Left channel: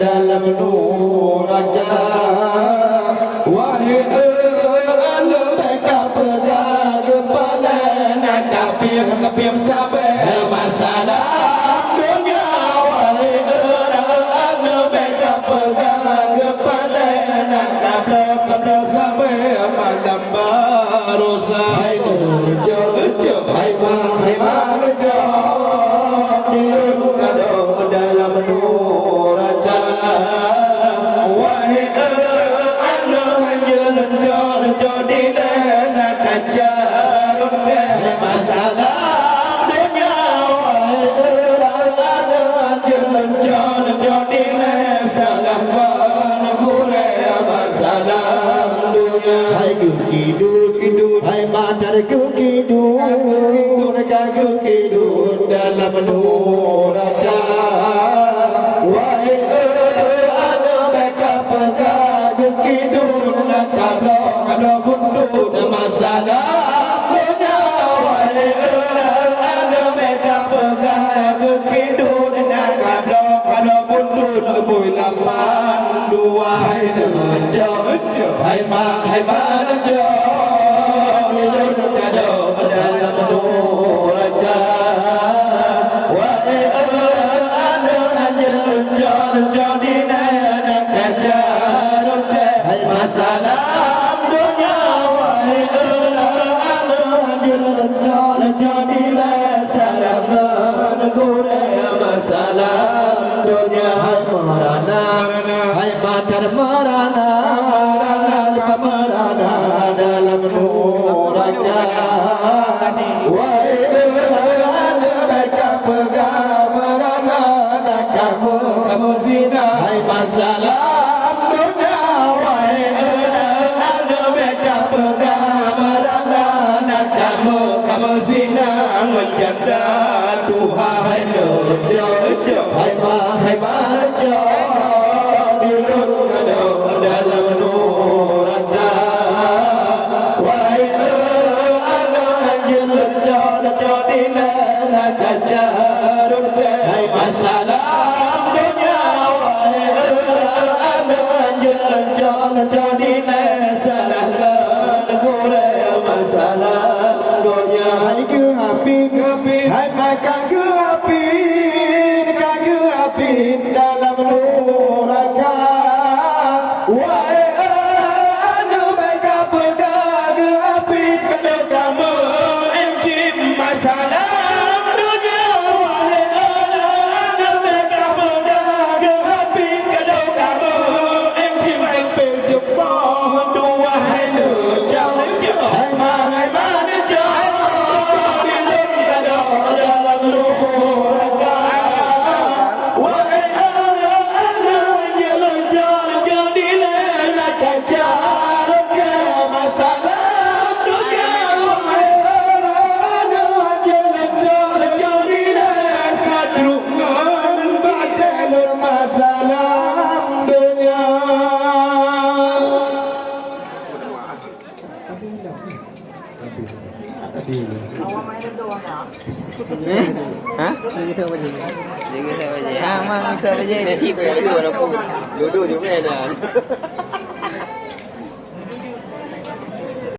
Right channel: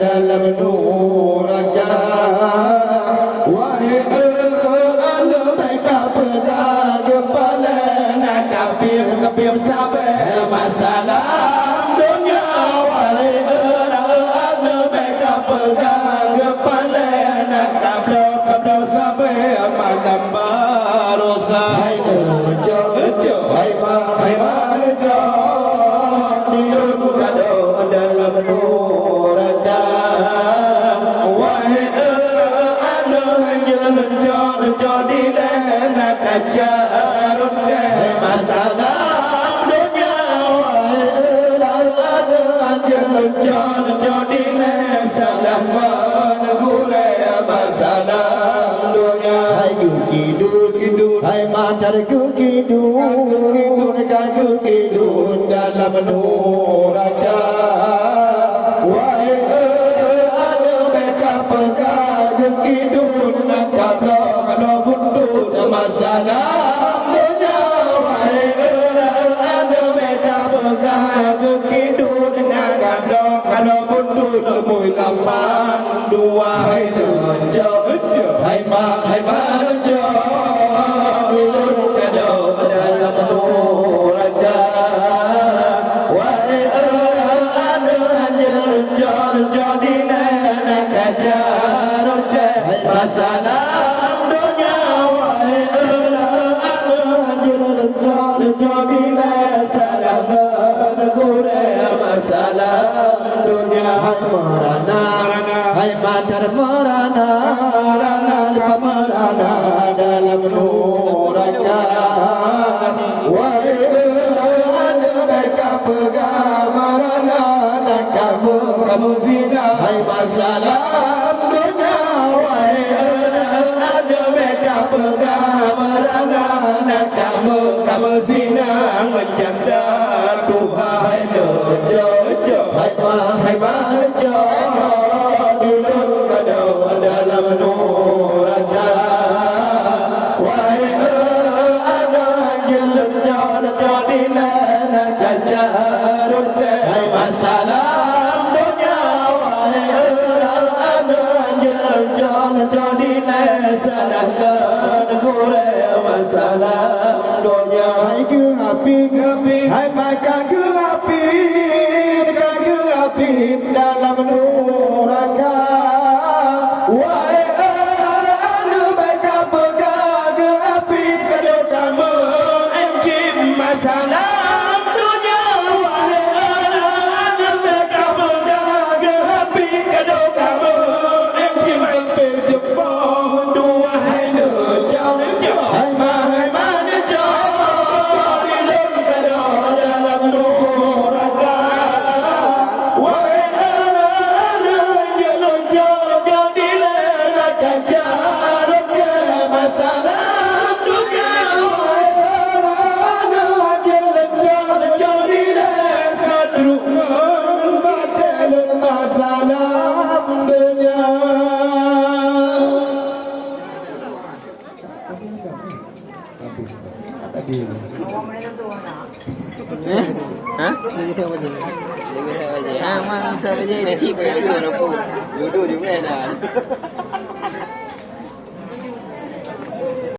dalam nuraja wahai anda mereka pegang kepala nak kapir sabar masalah dunia wahai anda mereka pegang kepala nak kapir sabar malam barosa hai nujo hai nujo dirun kado dalam nuraja wahai anda jadi nak kacar masalah dunia wahai anda jadi salah gule masalah dunia hai kidur hai matar kidur dalam nuraja wahai anda mereka pegang kidur kalau buntut masalah dunia wahai anda mereka pegang kidur kalau buntut mula dua hai nujo hai nujo dirun kado dalam nuraja wahai anda jadi nak kacar masalah dunia wahai anda jadi salah gure masalah dunia marana hai batar marana dalam nuraja wahai anda mereka pegang marana kamu zina hai masalah dunia wahai anda mereka pegang marana kamu zina ngejanda Tuhan nujo hai nujo dirun kado dalam nuraja wahai anda jadi nak kacar hai masalah dunia wahai anda jadi salah gure masalah dunia hai gehapi hai makan gehapi dalam nuraja wahai anda mereka pegang gehapi kalau kamu encim masalah dunia wahai anda mereka pegang gehapi kalau kamu encim jempol dua hai nujo hai nujo dirun kado dalam nuraja wahai anda jadi nak kacar masalah dunia wahai anda jadi sadru batal masalah dunia hả? Lagi theo bao nhiêu? Lagi theo bao nhiêu? Mang theo bao nhiêu để chip về đưa nó dulu juga ada.